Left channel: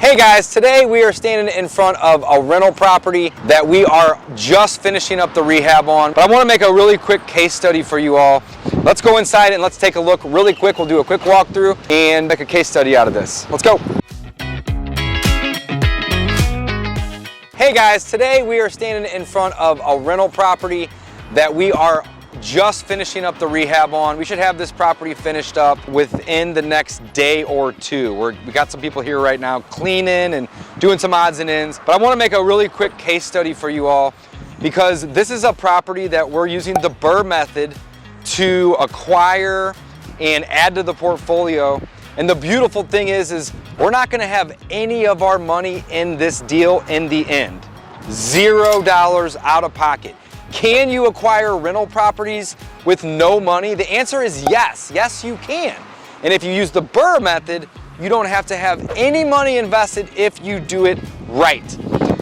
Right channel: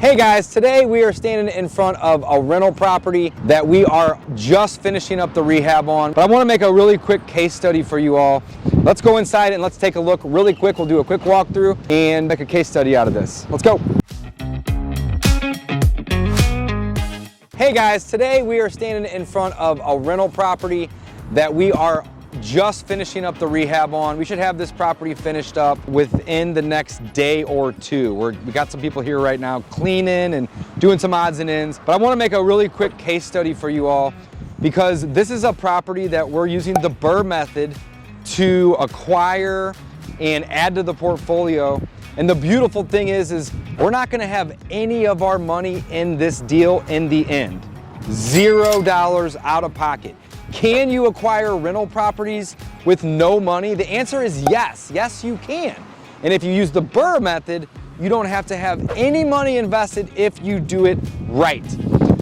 Hey guys, today we are standing in front of a rental property that we are just finishing up the rehab on. But I want to make a really quick case study for you all. Let's go inside and let's take a look really quick. We'll do a quick walkthrough and make a case study out of this. Let's go. Hey guys, today we are standing in front of a rental property that we are just finishing up the rehab on. We should have this property finished up within the next day or two. We got some people here right now cleaning and doing some odds and ends. But I want to make a really quick case study for you all because this is a property that we're using the BRRRR method to acquire and add to the portfolio. And the beautiful thing is we're not going to have any of our money in this deal in the end. $0 out of pocket. Can you acquire rental properties with no money? The answer is yes. Yes, you can. And if you use the BRRRR method, you don't have to have any money invested if you do it right.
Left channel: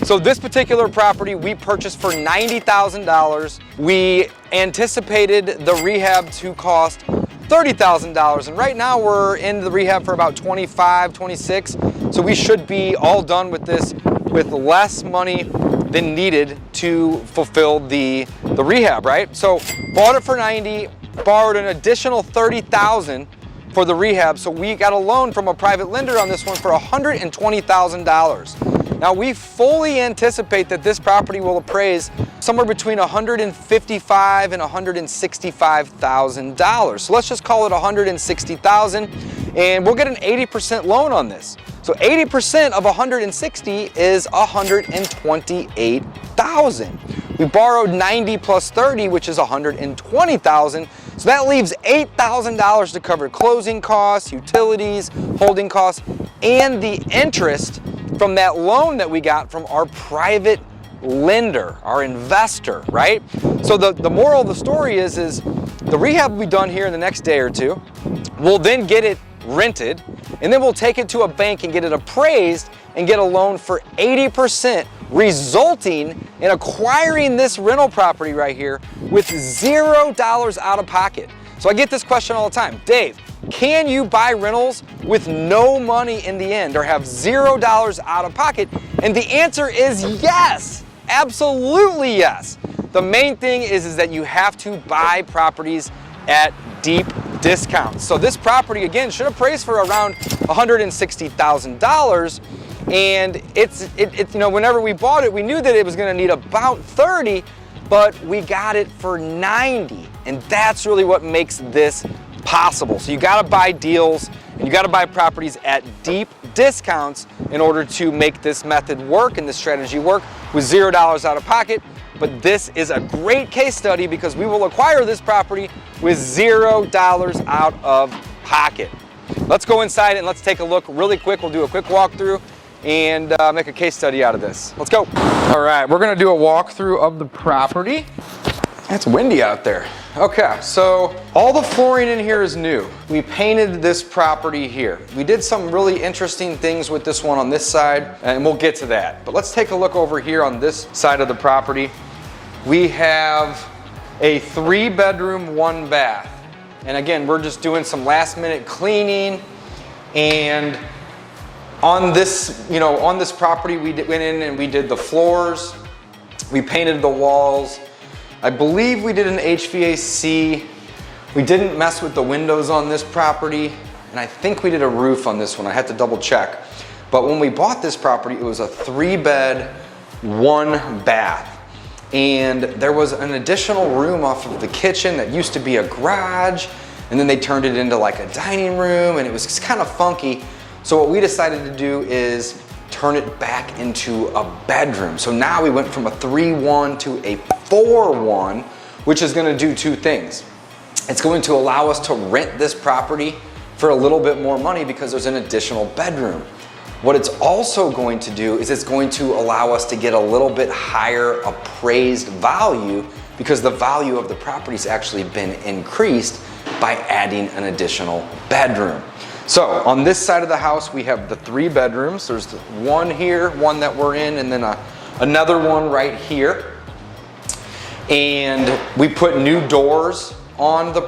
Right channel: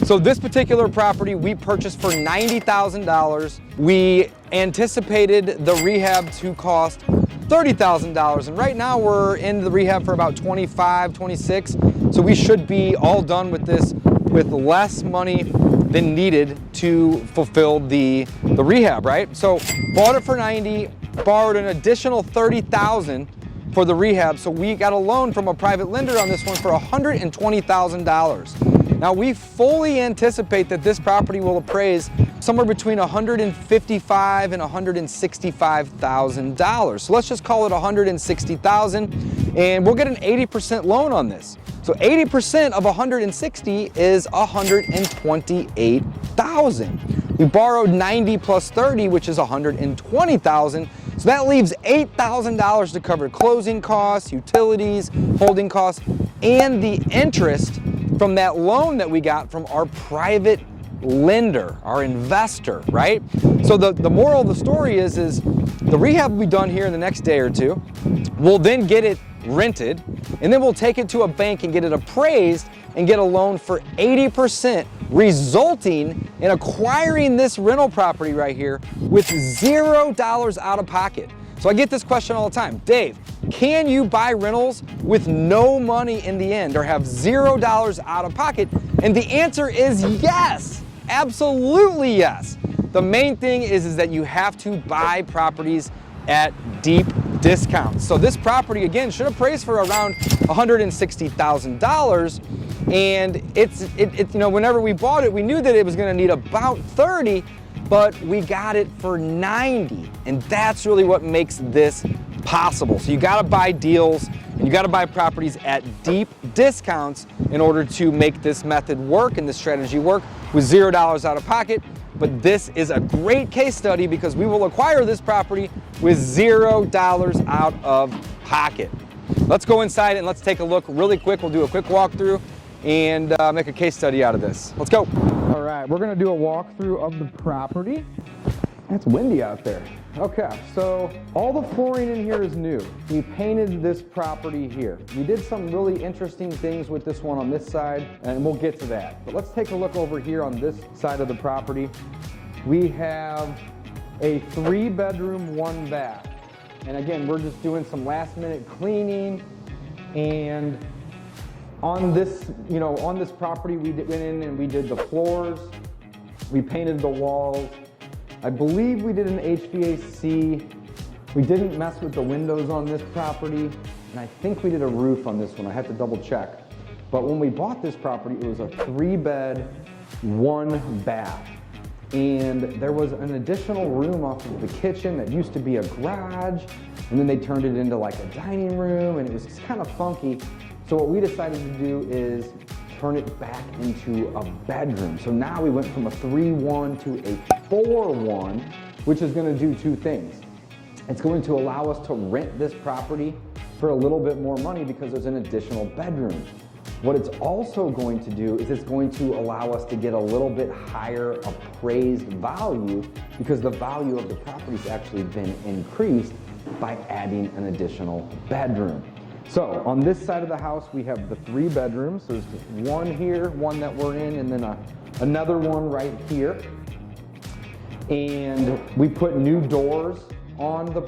So this particular property we purchased for $90,000. We anticipated the rehab to cost $30,000, and right now we're in the rehab for about 25, 26. So we should be all done with this with less money than needed to fulfill the rehab, right? So bought it for 90, borrowed an additional 30,000 for the rehab. So we got a loan from a private lender on this one for $120,000. Now we fully anticipate that this property will appraise somewhere between $155,000 and $165,000. So let's just call it $160,000, and we'll get an 80% loan on this. So 80% of 160 is $128,000. We borrowed 90 plus 30, which is $120,000. So that leaves $8,000 to cover closing costs, utilities, holding costs, and the interest from that loan that we got from our private lender, our investor, right? So the moral of the story is the rehab will be done here in the next day or two. We'll then get it rented, and then we'll take it to a bank and get it appraised and get a loan for 80%, resulting in acquiring this rental property right here with $0 out of pocket. So I get this question all the time. Dave, can you buy rentals with no money in the end or have $0 out of pocket? And the answer is yes, absolutely yes. The main thing is that you have to buy properties at deep discounts. So this property, again, should appraise for around $160,000. And it's you know, whenever we bought it, we knew that it was going to need about 30, but we got it for 90. And that's really what makes this possible. So you got to buy deals and you got to buy properties at deep discounts in order to make this method work and this strategy work with $0 out of pocket. But this is a great case study because we will acquire this property with $0 out of pocket. Let's go inside and let's take a look really quick. We'll do a quick walkthrough and make a case study out of this. Let's go. All right, we're gonna do a walkthrough of the property. It's windy out there. Okay, so all the flooring in here is new. We painted this property here. We did some really interesting things with this one on this side, and we'll get to that. But let's take a look over here on this side of the property. We have a 3-bedroom, 1 bath. And again, we're just doing some last minute cleaning. And on this, you know, on this property, we went in and we did the floors. We painted the walls. I believe we did an HVAC. We didn't mess with the windows on this property. And I think we did a roof on this one. I had to double check. But when we bought this property, it was a 3-bed, 1 bath. And there was an additional room off of the kitchen that used to be a garage. And then they turned it into like a dining room, and it was just kind of funky. So what we decided to do is turn it back into a bedroom. So now we went from a 3-1 to a 4-1, which is gonna do 2 things. It's going to allow us to rent this property for a little bit more money because there's an additional bedroom. What it's also going to do is it's going to allow us to get a little bit higher appraised value because the value of the property's actually been increased by adding an additional bedroom. So on this side of the house, we have the 3 bedrooms. There's one here, one that we're in, and then another one right here. And we put new doors on the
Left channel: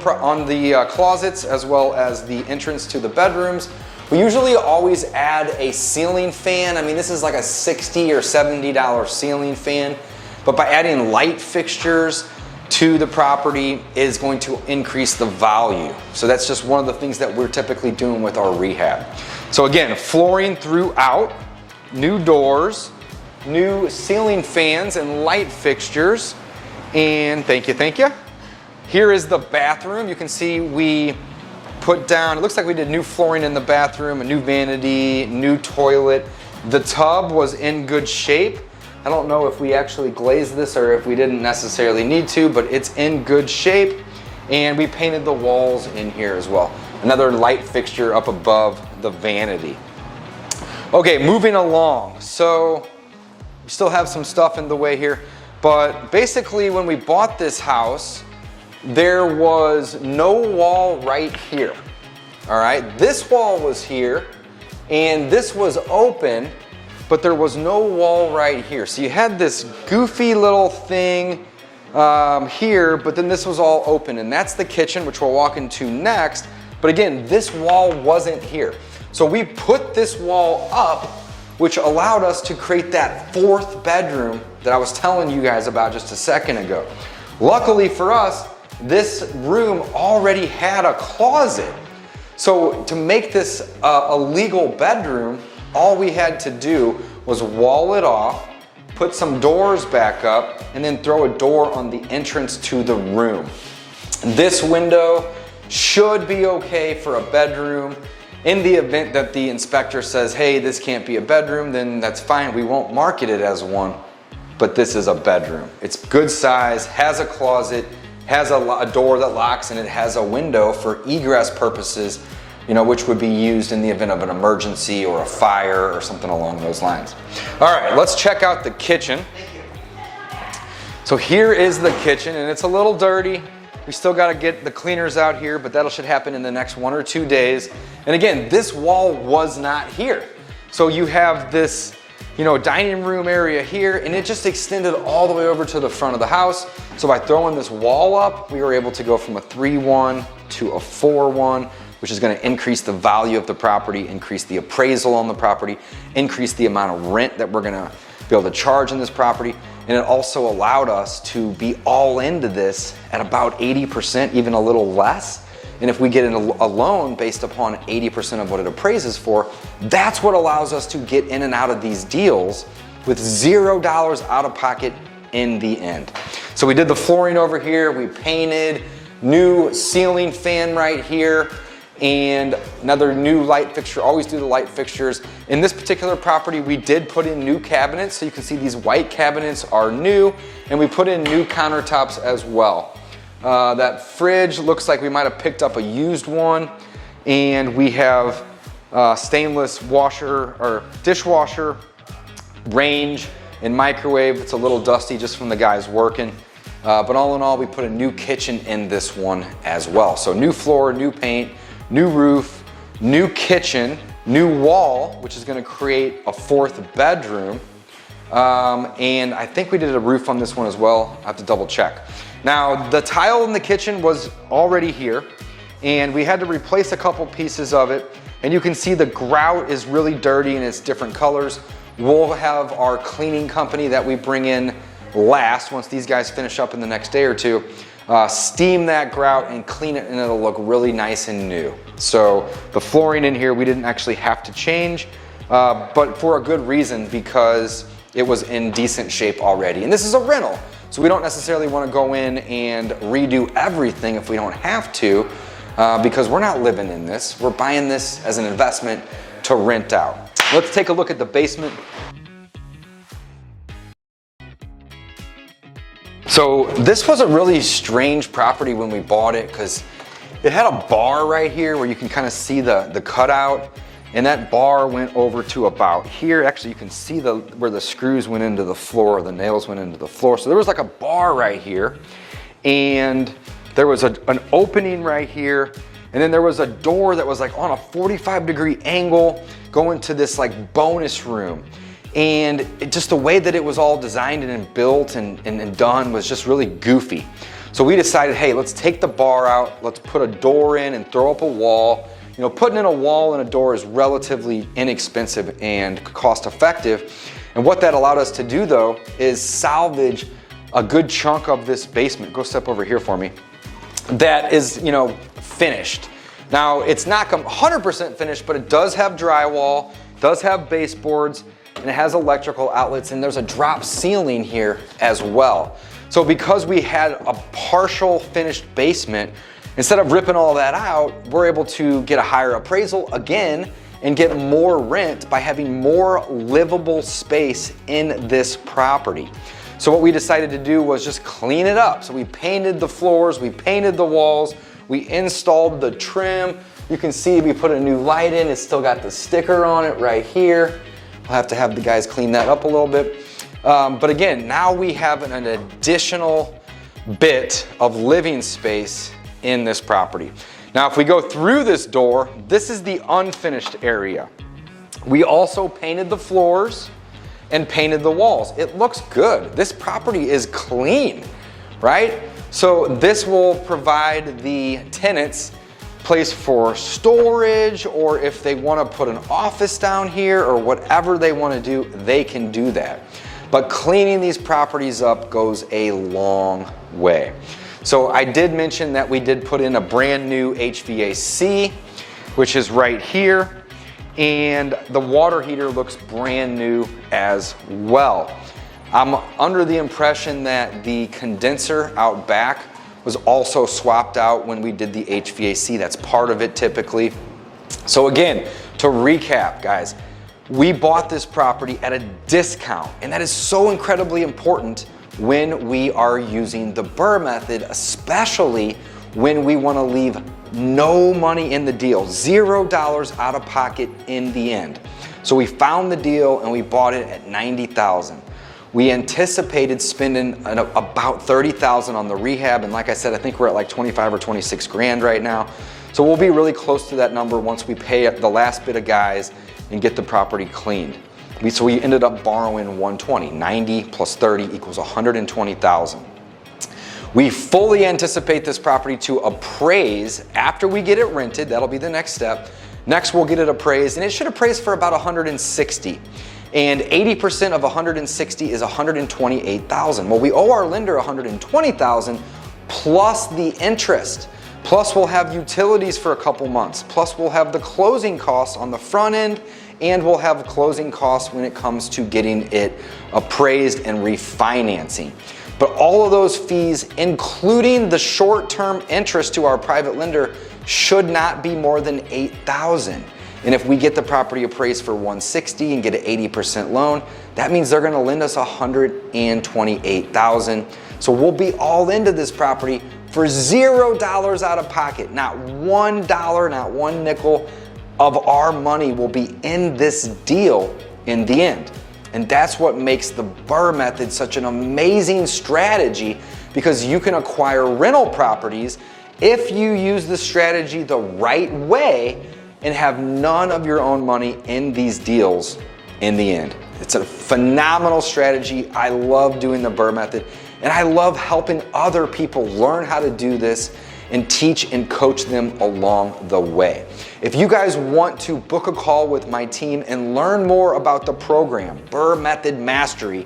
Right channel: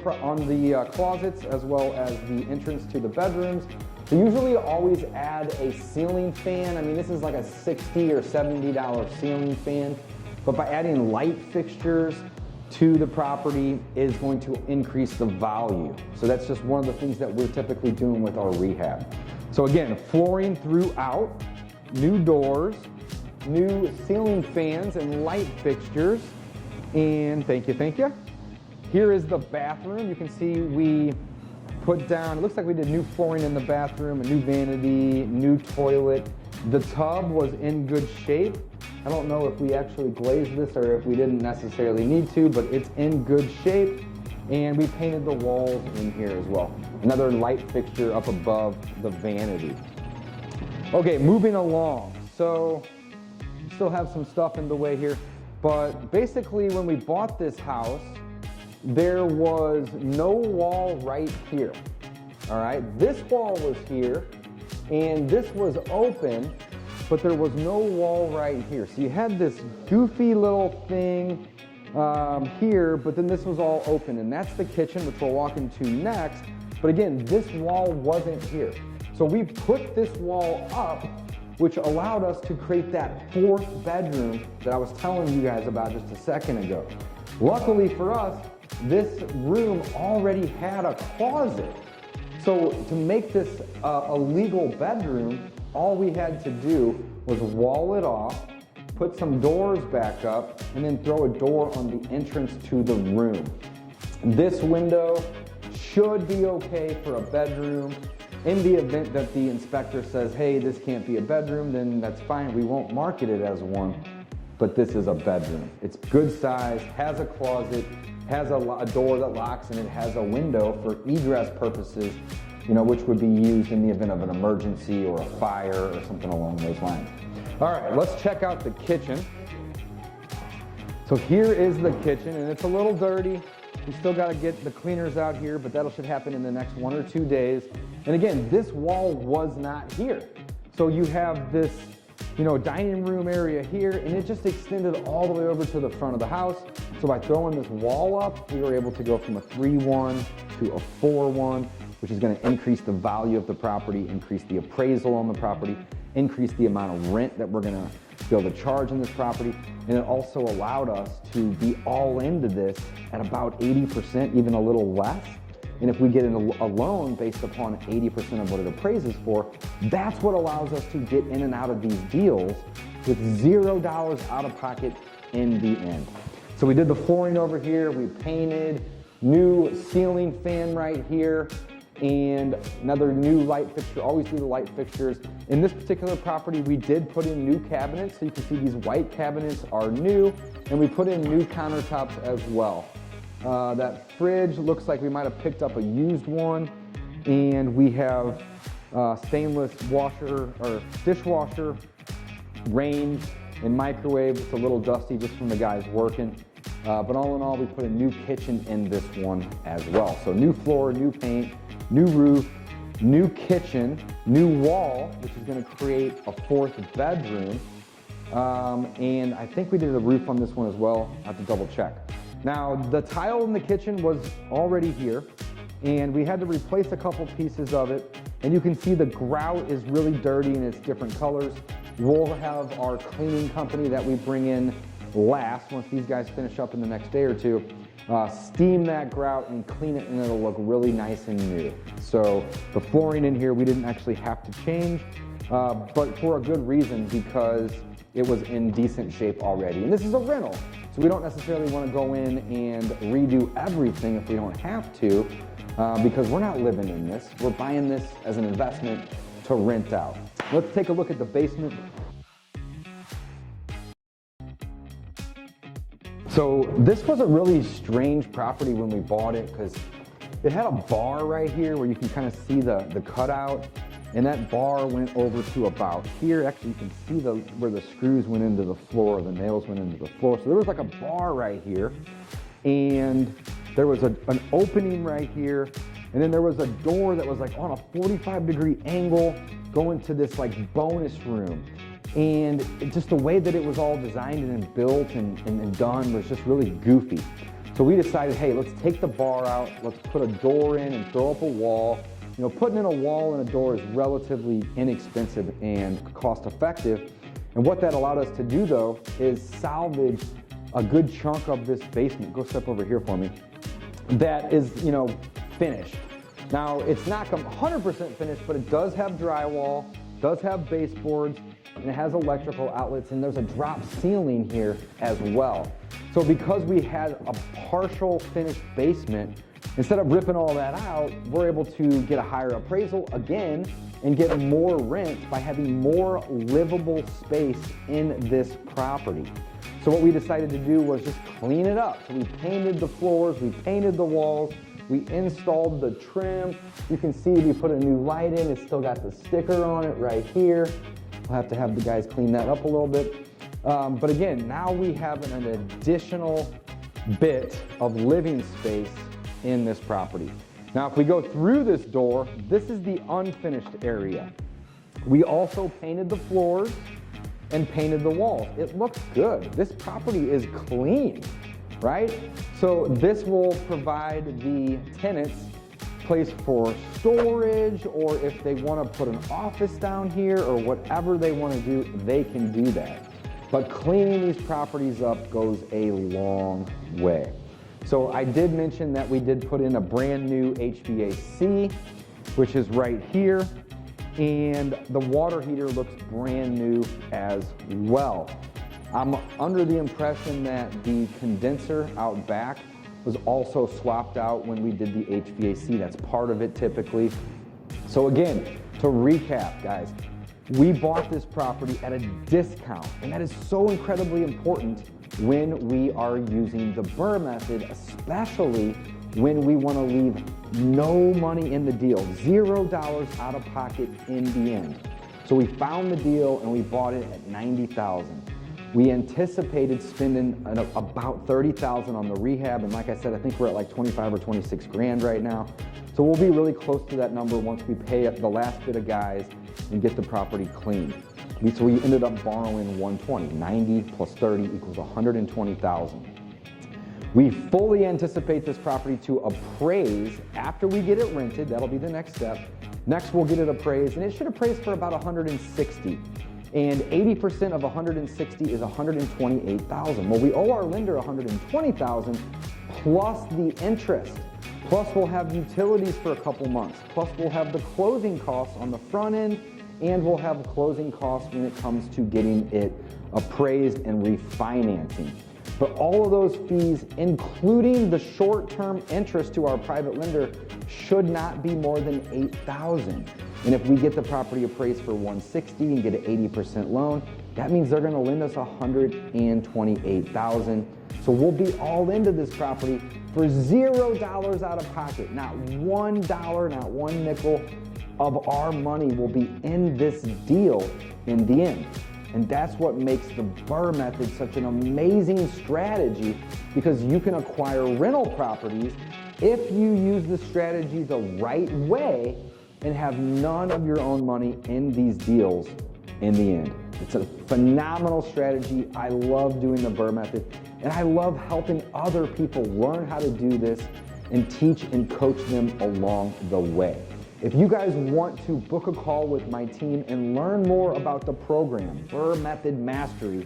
closets as well as the entrance to the bedrooms. We usually always add a ceiling fan. I mean, this is like a $60 or $70 ceiling fan, but by adding light fixtures to the property is going to increase the value. So that's just one of the things that we're typically doing with our rehab. So again, flooring throughout, new doors, new ceiling fans and light fixtures, and thank you. Here is the bathroom. You can see we put down, it looks like we did new flooring in the bathroom, a new vanity, new toilet. The tub was in good shape. I don't know if we actually glazed this or if we didn't necessarily need to, but it's in good shape. And we painted the walls in here as well. Another light fixture up above the vanity. Okay, moving along. So we still have some stuff in the way here, but basically when we bought this house, there was no wall right here. All right, this wall was here and this was open, but there was no wall right here. So you had this goofy little thing here, but then this was all open, and that's the kitchen, which we'll walk into next. But again, this wall wasn't here. So we put this wall up, which allowed us to create that fourth bedroom that I was telling you guys about just a second ago. Luckily for us, this room already had a closet. So to make this a legal bedroom, all we had to do was wall it off, put some doors back up, and then throw a door on the entrance to the room. This window should be okay for a bedroom. In the event that the inspector says, hey, this can't be a bedroom, then that's fine. We won't market it as one, but this is a bedroom. It's good size, has a closet, has a door that locks, and it has a window for egress purposes, you know, which would be used in the event of an emergency or a fire or something along those lines. All right, let's check out the kitchen. So here is the kitchen, and it's a little dirty. We still got to get the cleaners out here, but that should happen in the next 1 or 2 days. And again, this wall was not here. So you have this, you know, dining room area here, and it just extended all the way over to the front of the house. So by throwing this wall up, we were able to go from a 3-1 to a 4-1, which is going to increase the value of the property, increase the appraisal on the property, increase the amount of rent that we're going to be able to charge in this property. And it also allowed us to be all into this at about 80%, even a little less. And if we get a loan based upon 80% of what it appraises for, that's what allows us to get in and out of these deals with $0 out of pocket in the end. So we did the flooring over here, we painted, new ceiling fan right here, and another new light fixture. Always do the light fixtures. In this particular property, we did put in new cabinets. So you can see these white cabinets are new, and we put in new countertops as well. That fridge looks like we might have picked up a used one, and we have stainless washer or dishwasher, range, and microwave. It's a little dusty just from the guys working. But all in all, we put a new kitchen in this one as well. So new floor, new paint, new roof, new kitchen, new wall, which is going to create a fourth bedroom. And I think we did a roof on this one as well. I have to double check. Now, the tile in the kitchen was already here, and we had to replace a couple pieces of it. And you can see the grout is really dirty and it's different colors. We'll have our cleaning company that we bring in last, once these guys finish up in the next day or two, steam that grout and clean it, and it'll look really nice and new. So the flooring in here we didn't actually have to change, but for a good reason, because it was in decent shape already. And this is a rental, so we don't necessarily want to go in and redo everything if we don't have to, because we're not living in this. We're buying this as an investment to rent out. Let's take a look at the basement. So this was a really strange property when we bought it, because it had a bar right here where you can kind of see the cutout, and that bar went over to about here. Actually, you can see where the screws went into the floor, the nails went into the floor. So there was like a bar right here, and there was an opening right here, and then there was a door that was like on a 45-degree angle going to this like bonus room. And just the way that it was all designed and built and done was just really goofy. So we decided, hey, let's take the bar out, let's put a door in and throw up a wall, You know, putting in a wall and a door is relatively inexpensive and cost effective. And what that allowed us to do though is salvage a good chunk of this basement. Go step over here for me. That is, you know, finished. Now it's not 100% finished, but it does have drywall, does have baseboards, and it has electrical outlets, and there's a drop ceiling here as well. So because we had a partial finished basement, instead of ripping all that out, we're able to get a higher appraisal again and get more rent by having more livable space in this property. So what we decided to do was just clean it up. So we painted the floors, we painted the walls, we installed the trim. You can see we put a new light in. It's still got the sticker on it right here. We'll have to have the guys clean that up a little bit. But again, now we have an additional bit of living space in this property. Now, if we go through this door, this is the unfinished area. We also painted the floors and painted the walls. It looks good. This property is clean, right? So this will provide the tenants place for storage, or if they want to put an office down here or whatever they want to do, they can do that. But cleaning these properties up goes a long way. So I did mention that we did put in a brand new HVAC, which is right here, and the water heater looks brand new as well. I'm under the impression that the condenser out back was also swapped out when we did the HVAC. That's part of it typically. So again, to recap, guys, we bought this property at a discount, and that is so incredibly important when we are using the BRRRR method, especially when we want to leave no money in the deal, $0 out of pocket in the end. So we found the deal and we bought it at $90,000. We anticipated spending about $30,000 on the rehab, and like I said, I think we're at like 25 or 26 grand right now. So we'll be really close to that number once we pay the last bit of guys and get the property cleaned. So we ended up borrowing 120. 90 plus 30 equals 120,000. We fully anticipate this property to appraise after we get it rented. That'll be the next step. Next, we'll get it appraised, and it should appraise for about 160. And 80% of 160 is 128,000. Well, we owe our lender 120,000 plus the interest. Plus we'll have utilities for a couple months. Plus we'll have the closing costs on the front end, and we'll have closing costs when it comes to getting it appraised and refinancing. But all of those fees, including the short-term interest to our private lender, should not be more than $8,000. And if we get the property appraised for 160 and get an 80% loan, that means they're gonna lend us 128,000. So we'll be all into this property for $0 out of pocket. Not $1, not one nickel of our money will be in this deal in the end. And that's what makes the BRRRR method such an amazing strategy, because you can acquire rental properties if you use the strategy the right way and have none of your own money in these deals in the end. It's a phenomenal strategy. I love doing the BRRRR method, and I love helping other people learn how to do this and teach and coach them along the way. If you guys want to book a call with my team and learn more about the program, BRRRR Method Mastery,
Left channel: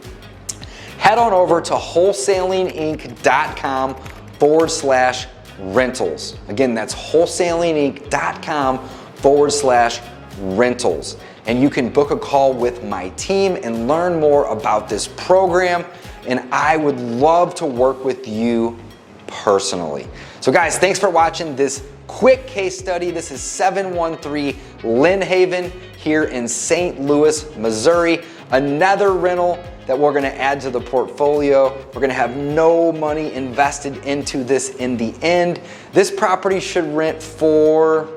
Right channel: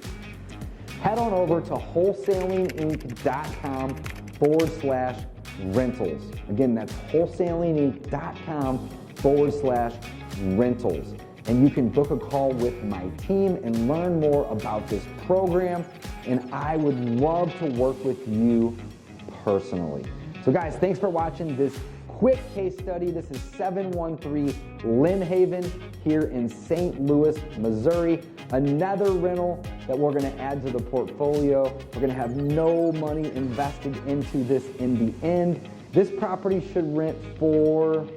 head on over to wholesalinginc.com/rentals. Again, that's wholesalinginc.com/rentals. And you can book a call with my team and learn more about this program. And I would love to work with you personally. So guys, thanks for watching this quick case study. This is 713 Lynn Haven here in St. Louis, Missouri. Another rental that we're gonna add to the portfolio. We're gonna have no money invested into this in the end. This property should rent for,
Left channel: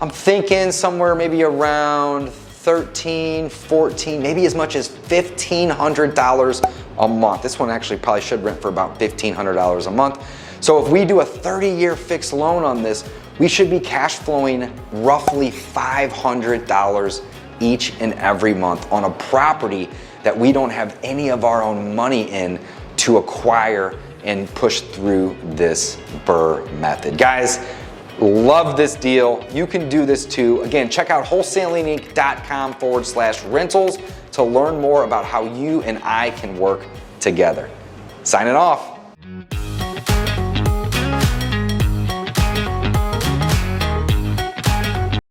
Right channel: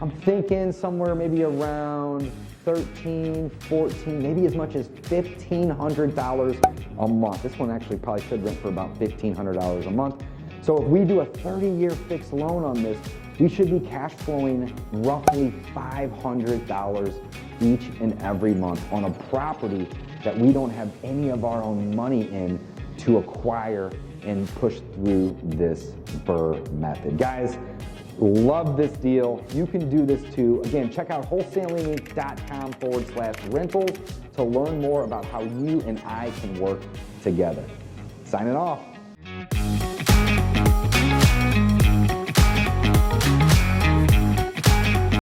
I'm thinking somewhere maybe around 13, 14, maybe as much as $1,500 a month. This one actually probably should rent for about $1,500 a month. So if we do a 30-year fixed loan on this, we should be cash flowing roughly $500 each and every month on a property that we don't have any of our own money in to acquire and push through this BRRRR method. Guys, Love this deal. You can do this too. Again, check out wholesalinginc.com/rentals to learn more about how you and I can work together. Signing off.